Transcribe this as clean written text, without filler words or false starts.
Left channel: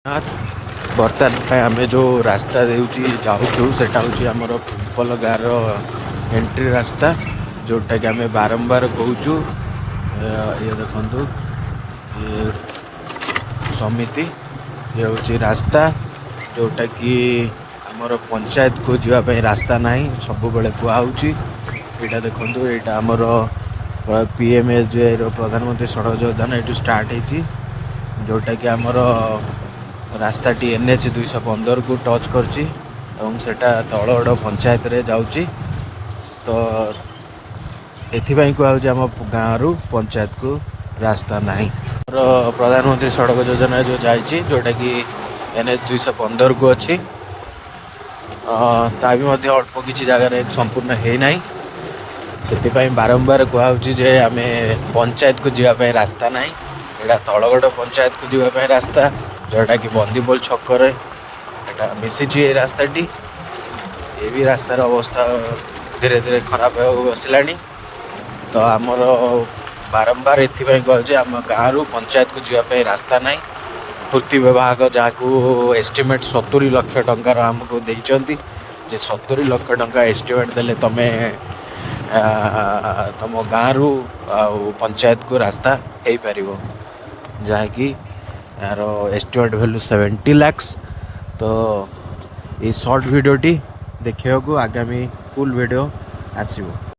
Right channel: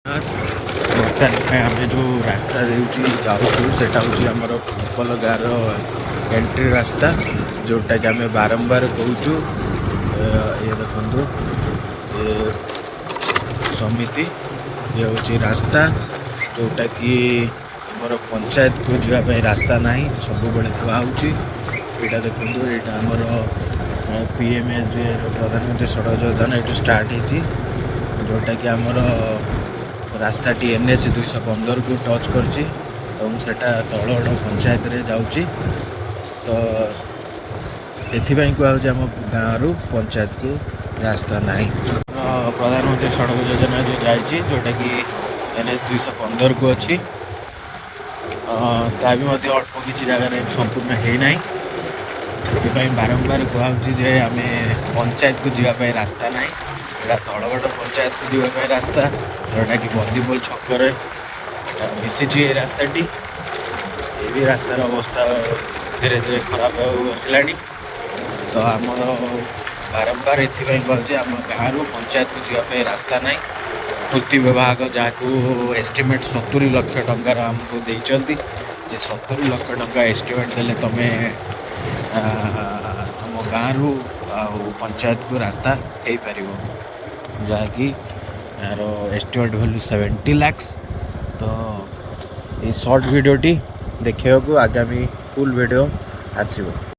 बर्तमान आम जो रास्ता जाऊँ से आमर पिपल गाँव एंट्री रास्ता जोटा कि आम बारंबार कहूँ ये देखु ये समिति ये हूँ रास्ता जोटा कि आमर पंचायत को जावाई रास्ता ना सब बेले कहूँ यहाँ देखु यहाँ आमर पीएमएजे प्रधानमंत्री सड़क योजना ये स्टार्ट होती जोटा कि आमर रास्ता टी NH 215 को टच करछि तलगड़ पंचायत रे जाउछि तो एथिपाई कहूँ आम गाँव पंचायत को रास्ता नहीं प्रधानमंत्री सड़क योजना जो जाइए जोटा कि NH 215 को अच्छी ता भी अल्प किसी जगह संपूर्ण है ना से बारंबार कहूँ जे आम पंचायत को जावाई रास्ता ना यहाँ तलगड़ पंचायत को जावाई रास्ता जोटा कि बंदीपोल छक्कर मिसी रास्ताटी ये भी रास्तार अवस्था धीरे धीरे खराब आसला तो आमर बारंबार एपाई कहूँ आम गाँव पंचायत को जावाई रास्ता ना पूर्ति विभाग जहाँ एस्टिमेट 70 लाख टंकार आमको देते 70 लाख टंका एस्टिमेट देले तमें तुम गाँव पंचायत को रास्ता हो पार जहाँकि यार एस्टिमेट वैल्यू 70 लाख तो ये शॉर्ट वीडियोटी देखा आगामी फुल वीडियो आसो।